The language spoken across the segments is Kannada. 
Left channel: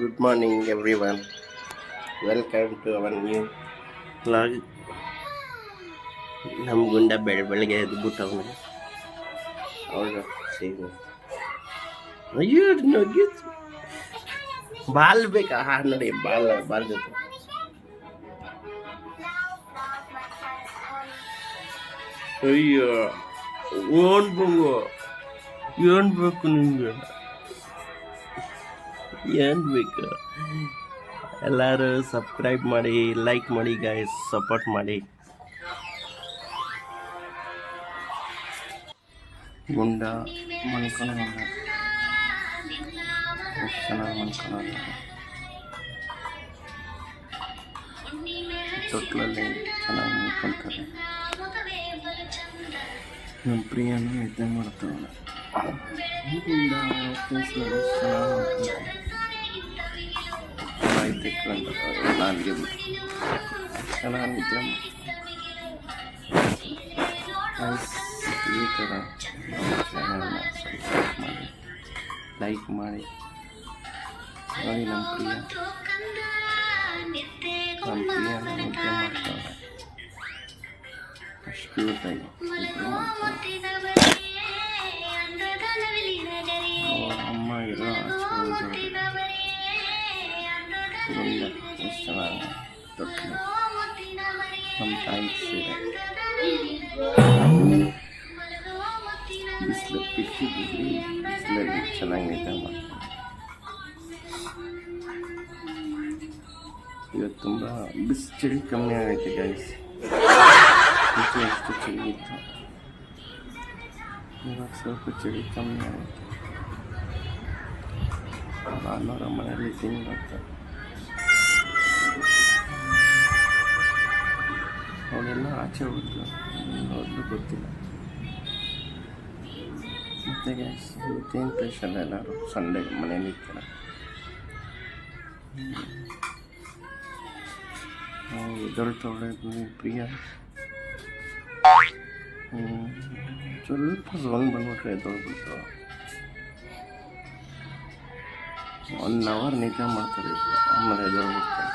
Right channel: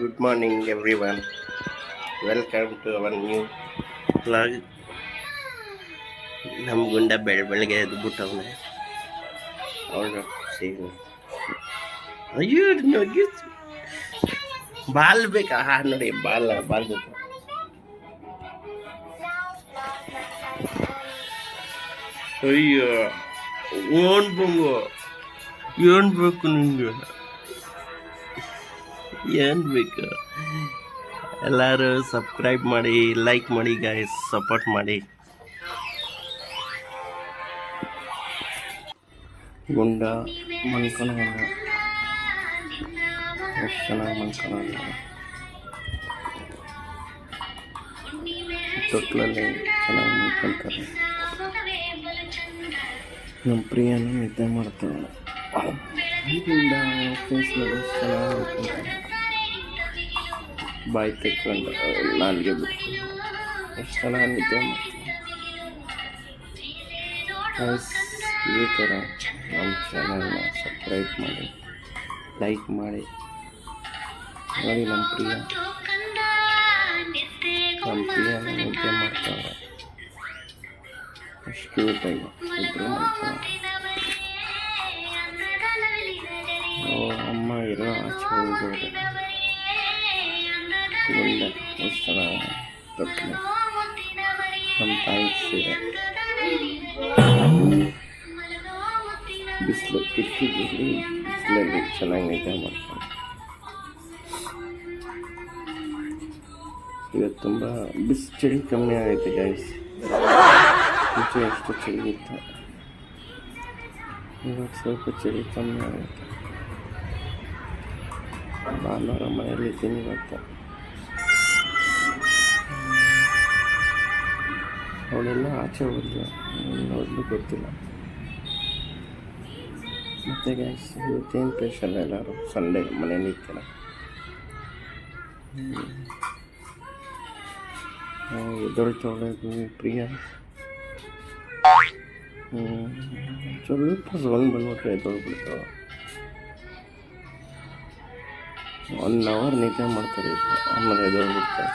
Good morning, everyone. Welcome to our new vlog. ನಮ್ಮ ಗುಂಡ ಬೆಳಗ್ಗೆ ಎದ್ಬಿಟ್ಟವನೆ ಅವಳು ಸೇರಿ ಅಯ್ಯೋ ನೋಡಿ ಬಾಲ್ ಬೇಕಾ ನೋಡಿ ಬಾಲ್ ಜೊತೆ ಅಯ್ಯೋ ಓನ್ ಬಂಗು ಏನ್ ಬೇಕು ನಿಂಗೆ ಏನು ಬೇಕು ಎಲ್ಲರೂ ಸಬ್ಸ್ಕ್ರೈಬ್ ಮಾಡಿ ಲೈಕ್ ಮಾಡಿ ಗೈಸ್ ಸಪೋರ್ಟ್ ಮಾಡಿ ಗುಂಡ ಮನ್ಕೊಳೋಣ ಎಷ್ಟು ಚೆನ್ನಾಗಿ ಮನ್ಕೊಳೋಣ ತೊಟ್ಲಲ್ಲಿ ಚೆನ್ನಾಗಿ ಮನ್ಕೊತಾರೆ ನಮ್ಮ ಪ್ರಿಯನ ನಿದ್ದೆ ಮಾಡ್ತಾವಳೆ ಗುಂಡ ಫೇಸ್ನಲ್ಲಿ ಚೆನ್ನಾಗಿ ಮನ್ಕೊತಾರೆ ಬಾಯಿ ತೆಕ್ಕೊಂಡು ನಾಲ್ಗೆ ಬಿಟ್ಟು ಎಷ್ಟು ಚೆನ್ನಾಗಿ ನಿದ್ದೆ ಮಾಡ್ತಾರೆ ಈ ಥರ ನಮ್ಮ ಚಾನಲ್ನ ಸಬ್ಸ್ಕ್ರೈಬ್ ಮಾಡಿ ಲೈಕ್ ಮಾಡಿ ನೋಡಿ ನಮ್ಮ ಪ್ರಿಯನ ನಿದ್ದೆ ಮಾಡ್ತಾವ್ರೆ ಅಷ್ಟು ಕ್ಯೂಟಾಗಿ ಇಬ್ಬರು ಮಾಡ್ತಾರೆ ಅಮ್ಮ ಇರೋ ಆಚೆ ಹೋಗೋದು ಗುಂಡ ಎಷ್ಟು ಚೆನ್ನಾಗಿ ತೊಟ್ಟಲು ನಮ್ಮ ತಾಯಿ ಸೀರೆ ಬಿಸಿಲು ಕಿಟಕಿ ಬಿಸಿಲಲ್ಲಿ ಚೆನ್ನಾಗಿ ನಿದ್ದೆ ಮಾಡ್ತಾರೆ ಇವತ್ತು ತುಂಬ ಚಳಿ ಕಮ್ಮಿ ಆಗೈತೆ ಗೈಸ್ ಮುಂಚೆ ಎಷ್ಟು ಚಳಿ ಇತ್ತು ಇವಾಗ ಸ್ವಲ್ಪ ಚಳಿ ಕಮ್ಮಿ ಆಗೈತೆ ಭಾನುವಾರ ಮನೆಯಲ್ಲಿ ಇದ್ದೀನಿ ಇವತ್ತು ಅವಳೆಲ್ಲ ಆಚೆ ಹೋದ್ರು ನೋಡಲು ಗೊತ್ತಿಲ್ಲ ಮತ್ತು ಗ್ಯಾಸ್ ಇವತ್ತೇನು ಸ್ಪೆಷಲ್ ಎಲ್ಲರೂ ಸಂಡೇ ಮನೇಲಿ ಇರ್ತಾರ ಎದ್ದೊಳ್ತವಳೆ ಪ್ರಿಯ ಸ್ವಲ್ಪ ಸೌಂಡ್ ಬಂದ್ಬಿಟ್ರೆ ಎದ್ದೊಳ್ಬಿಡ್ತಾವ 1 hour ನಿದ್ದೆ ಮಾಡ್ತಾರೆ ಆಮೇಲೆ ಎದ್ದೊಳ್ಬಿಡ್ತಾರೆ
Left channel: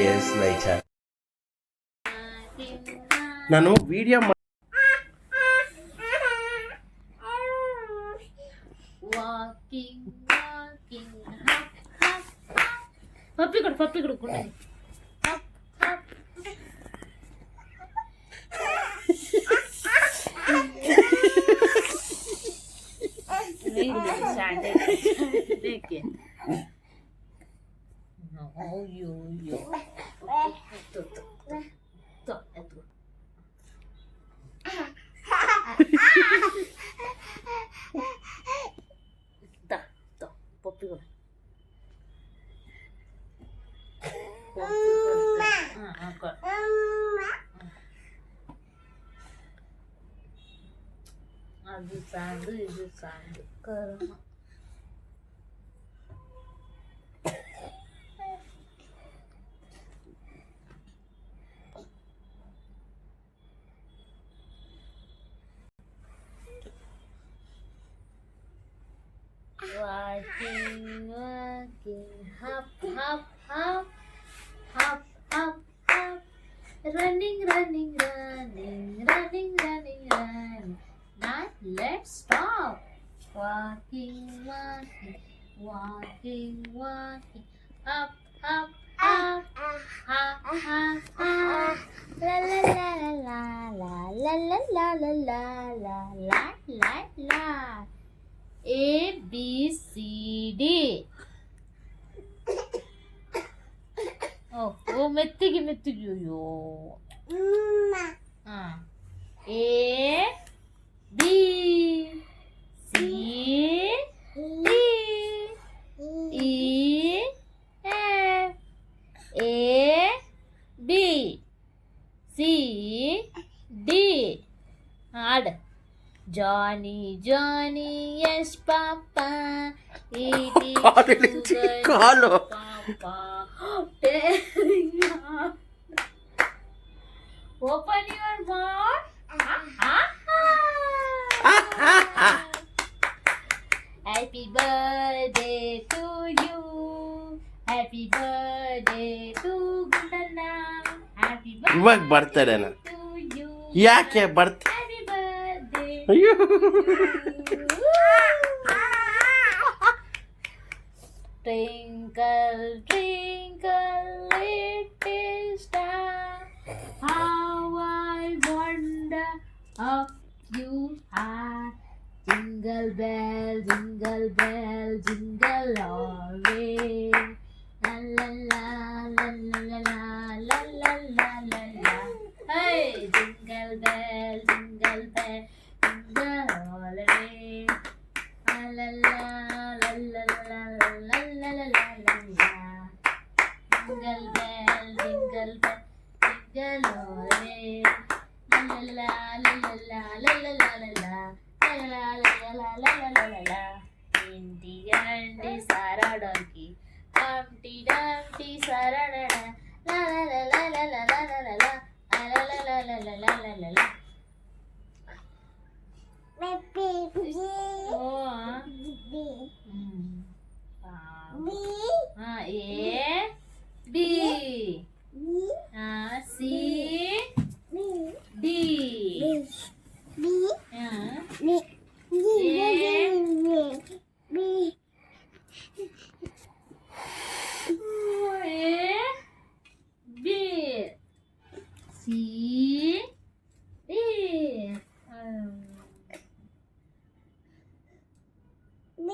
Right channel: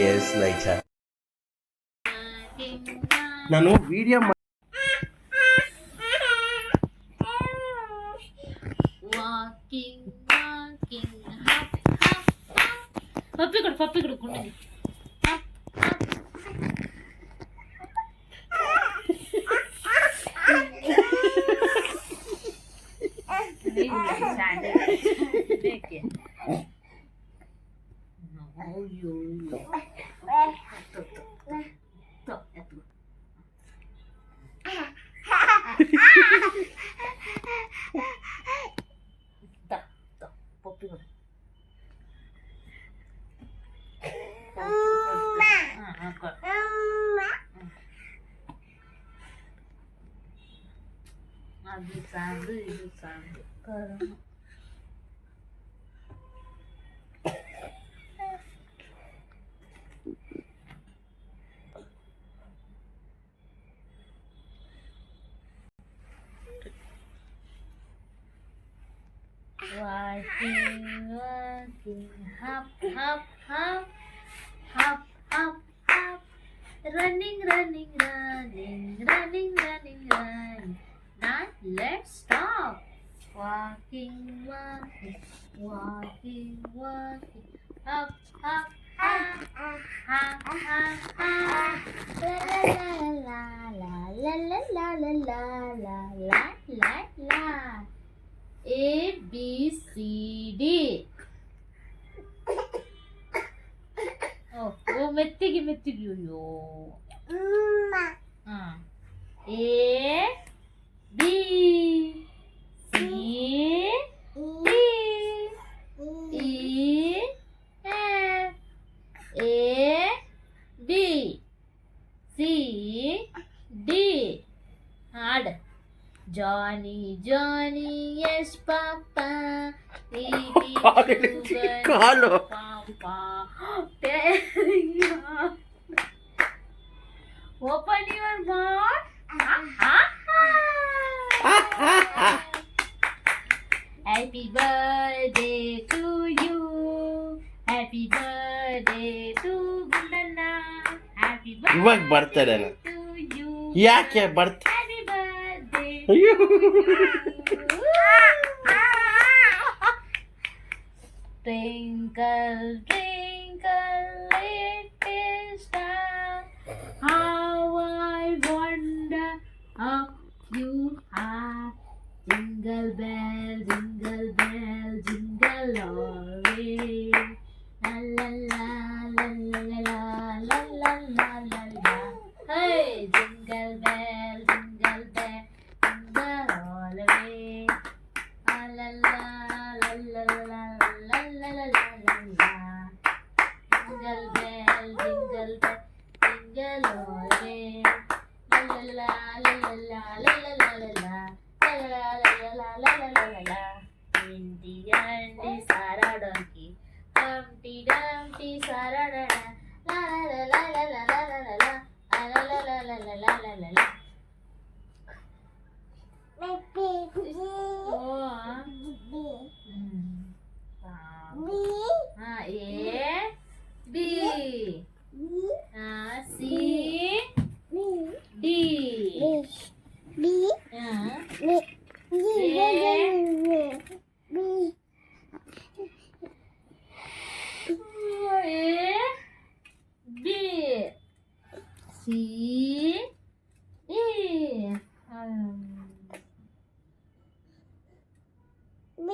years later. ನಾನು ವಿಡಿಯೋ ಪಪ್ಪಿ ಕೊಡು ಅದು ಸಾಂದು ಇದು ಸಾಂದು ಕರ್ಮ Walking, hop, hop, hop, hop, hop, hop, running. Now let's stop. Walking, hop, hop, hop, hop, hop, hop, la la la. A B C D. Oh, ಮೆತ್ತಿಗೆ ಅಯ್ಯೋ. A B C D yes, Papa. Call Papa. Open your mouth. Happy birthday to you. Happy birthday to Gundana. Happy ಇವಾಗ birthday ಬರ್ತಾರೇನ to you. ಯಾಕೆ ಬರ್ತ Happy birthday. ಅಯ್ಯೋ Twinkle, twinkle, little star, how I wonder how you are. Jingle bell, jingle bell, jingle all way. La la la la la la la la la la la. Hey, jingle bell, jingle bell, jingle all the way. La la la la la la la la la la la. Jingle bell, jingle bell, jingle all the way. La la la la la la la la la la la. La la la la la la la la la. Indy Andy Sarah donkey, Humpty Dumpty Sarah da da. La la la la la la la la la. La la la la la la la la la. A B C D B C D B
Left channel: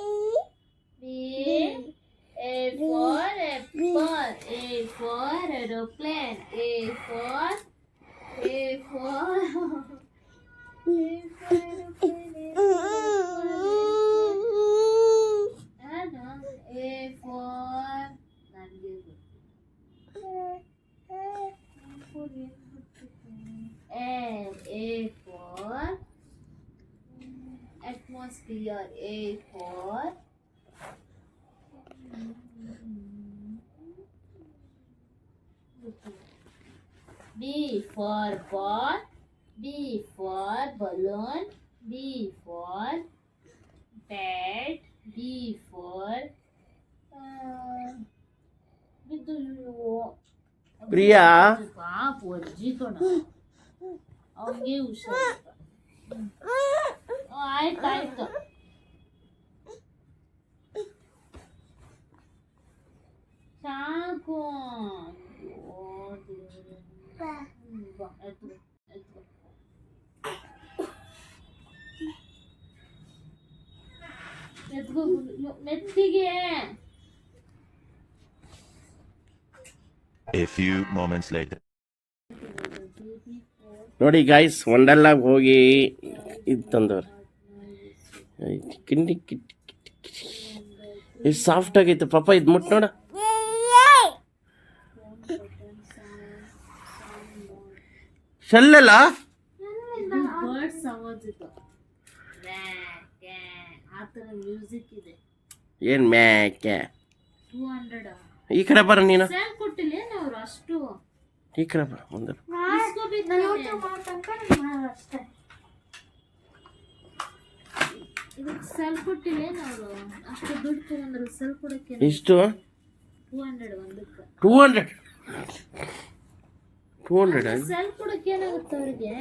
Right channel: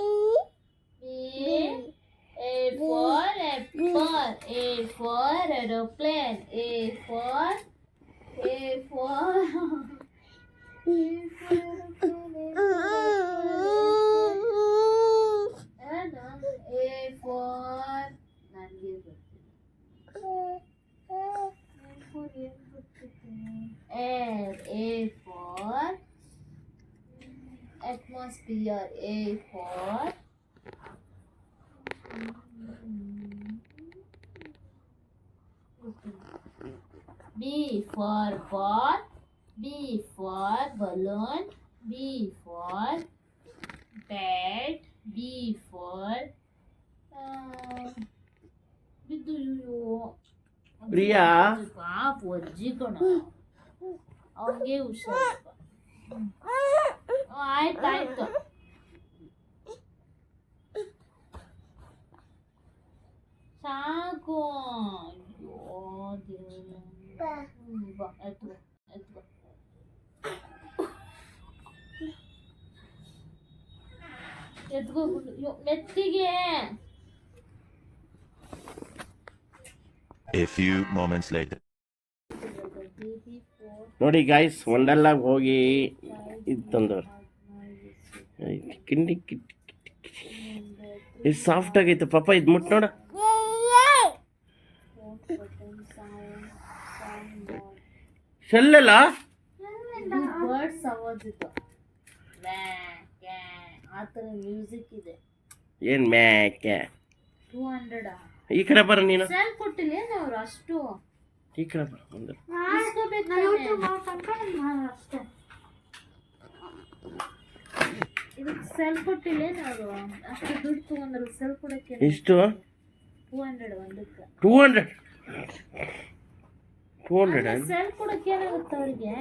A for apple, A for aeroplane, A for air, A for atmosphere, A for B for ball, B for balloon, B for bat, B for Priya ಪಾಪ ಅಜ್ಜಿ ಕಣ ಅವನಿಗೆ ಹುಷಾರಿಲ್ಲ. ಆಯ್ತು ಸಾಕು. ಅಯ್ಯೋ ದೇವ್ರೇ. ಬಾ ಎತ್ತು ಬಾ. ಎತ್ಕೋ ಮೆತ್ತಿಗೆ. A few moments later. ನೋಡಿ ಗಾಯ್ಸ್ ವಂಡರ್ಲಾಗ್ ಹೋಗಿ ಇದು ತಂದವ್ರು ಕಿಂಡಿ ಎಷ್ಟು ಸಾಫ್ಟ್ ಆಗೈತೆ ಪಾಪ ಇದು ಮುಟ್ ನೋಡ. ಶೆಲ್ಲಲ್ಲ ಬರ್ಡ್ಸ್ ಆವಾಜ್ ಇದು. ಆ ಥರ ಮ್ಯೂಸಿಕ್ ಇದೆ. ಏನು ಮ್ಯಾಕೆ 200 ಈ ಕಡೆ ಬರ ನೀನು. ಸೆಲ್ ಕೊಟ್ಟಿಲ್ಲ ಅವ್ರು ಅಷ್ಟು. ಈ ಕಡೆ ಬರ ಮುಂದೆ. ಅಷ್ಟೇ ಇದಕ್ಕೆ ಸೆಲ್ ಕೊಟ್ಟಿಲ್ಲ ಅವರು ಅಷ್ಟು ದುಡ್ಡು ತಗೊಂಡ್ರು. ಸೆಲ್ ಕೊಡಕ್ಕೆ ಎಷ್ಟು 200 ಒಂದಕ್ಕೆ. 200 ಸೆಲ್ ಕೊಡಕ್ಕೆ ಏನಾಗುತ್ತೆ ಅವ್ರಿಗೆ?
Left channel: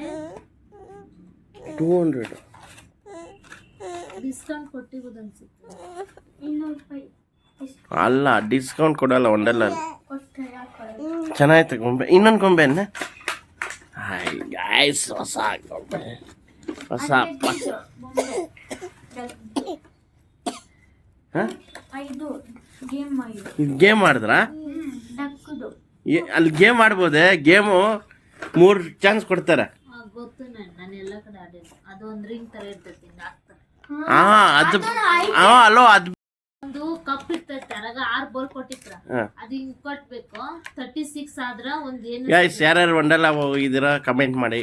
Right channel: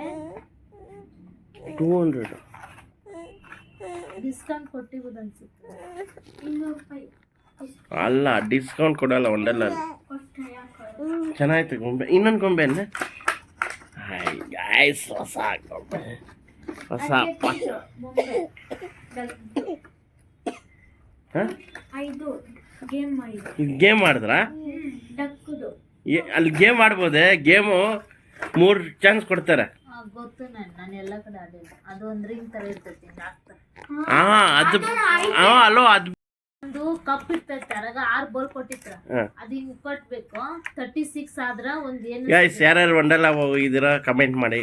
200 ಡಿಸ್ಕೌಂಟ್ ಕೊಟ್ಟಿರೋದು ಅನ್ಸುತ್ತೆ. 200 ರೂಪಾಯಿ ಅಲ್ಲ ಡಿಸ್ಕೌಂಟ್ ಕೊಡಲ್ಲ ಒಂದಲ್ಲ. ಚೆನ್ನಾಯ್ತು ಗೊಂಬೆ. ಇನ್ನೊಂದು ಗೊಂಬೆನೆ ಗಾಯ್ಸ್ ಹೊಸ ಗೊಂಬೆ ಹೊಸ ಗೇಮ್ ಮಾಡಿದ್ರಾ? ಅಲ್ಲಿ ಗೇಮ್ ಆಡ್ಬೋದೆ? ಗೇಮು 3 ಚಾನ್ಸ್ ಕೊಡ್ತಾರೆ. ಗೊತ್ತು ನಾನು ಎಲ್ಲ ಕಡೆ ಆಡಿಲ್ಲ. ಅದು ಒಂದು ರಿಂಗ್ ತರ ಇರ್ತೈತಿ ಹಾಕ್ತಾರೆ. ಅದು ಅಲ್ಲೋ ಅದು ಒಂದು ಕಪ್ ಇರ್ತೈತೆ ಅರಾಗ 6 ಬಾಲ್ ಕೊಟ್ಟಿರ್ತಾರ. ಅದು ಹಿಂಗ್ ಕೊಟ್ಬೇಕು. 36 ಆದ್ರ ಒಂದ್ ಏನು ಗಾಯ್ಸ್ ಯಾರ್ಯಾರು ವಂಡರ್ಲಾ ಹೋಗಿದ್ದೀರಾ ಕಮೆಂಟ್ ಮಾಡಿ.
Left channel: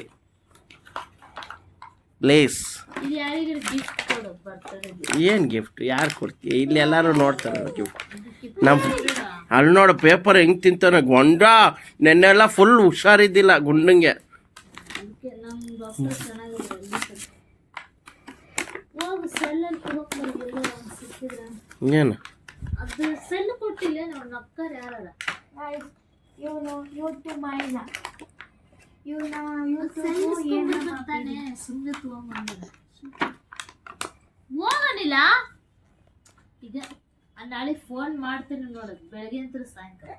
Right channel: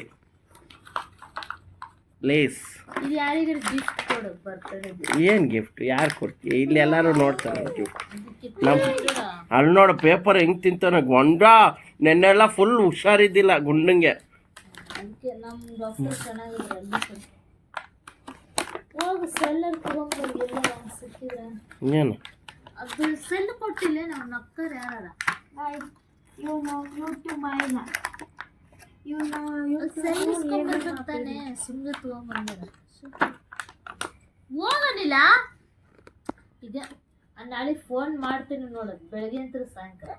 ಲೇಸ್. ಇದು ಯಾರಿಗಾರ ಗಿಫ್ಟ್ ಕೊಡು ಬರ್ತಡೇ ಏನು ಗಿಫ್ಟ್ ಯಾರು ಕೊಡ್ತೀಯ? ಇಲ್ಲಿ ಎಲ್ಲರೂ ನೋಡ್ತಾರೆ ಗಿಫ್ಟ್. ನಮ್ಮ ಅಲ್ಲಿ ನೋಡು ಪೇಪರ್ ಹೆಂಗೆ ತಿಂತಾನೆ ಗೊಂಡ. ನೆನ್ನೆಲ್ಲ ಫುಲ್ ಹುಷಾರಿದ್ದಿಲ್ಲ ಗುಂಡಂಗೆ. ಅದಕ್ಕೆ ನಮ್ಮ ಡಾಕ್ಟರ್ ಚೆನ್ನಾಗಿದೆ ಅಲ್ಲಿ ಹೋಗಿ ಸೆಲ್ಲಲ್ಲಿ ತಗೊಂಡ್ಬಂದಿಲ್ಲ ಸಿಕ್ಕಿದ್ರೆ. ಏನು ಅದು ಸೆಲ್ ಕೊಟ್ಟಿಲ್ಲ ನಾವು ನಕ್ಕರ್ ಯಾರಲ್ಲ ಇವನು ಇವತ್ತು ಮಾಯಿನ ಇವನು ಸೆಲ್ ಇಸ್ಕೊಂಡ್ಬರ್ತಾನೆ ಸುಮ್ಮನೆ ತಗೊಂಡ್ಬಂದಾರ. ಹೋಗನಿಲ್ಲ ಈಗ ನಾಳೆ ಫೋನ್ ಮಾಡ್ತೀನಿ ನೋಡೋದು ಬೆಳಗ್ಗೆ ಅಂತ ಸಾಯಂಕಾಲ.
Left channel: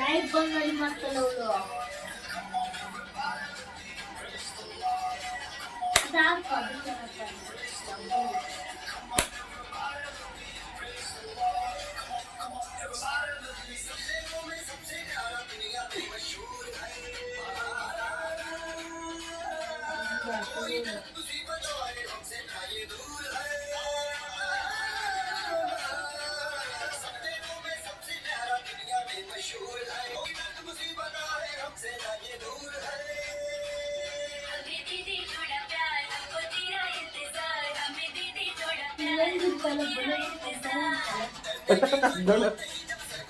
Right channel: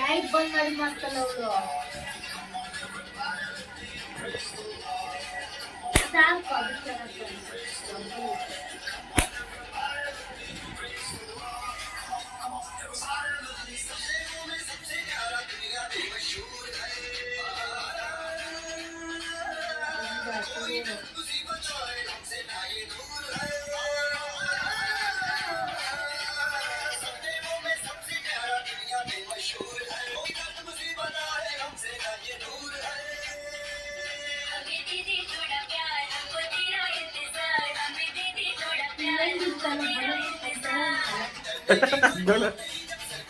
ಲೈಟ್ ಬಂದ್ ಮಾಡಿ ಮಾಡ್ತಲ್ಲ ಅವಳು. ಸಾಕು ಅದು ಚೆನ್ನಾಗಿ.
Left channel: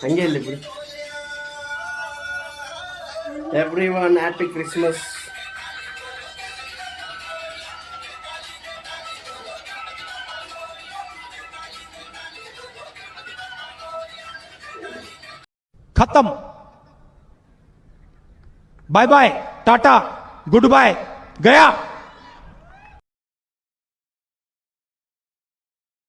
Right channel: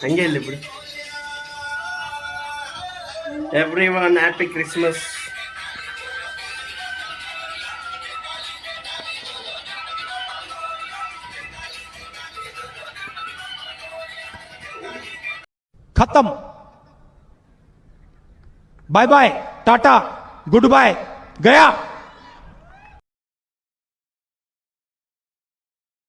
ಹಂಗೆ ಇಲ್ಲಿ ಬಿಡು. Everyone happy Christmas. खत्म. Bye bye, tata, goodbye, गया.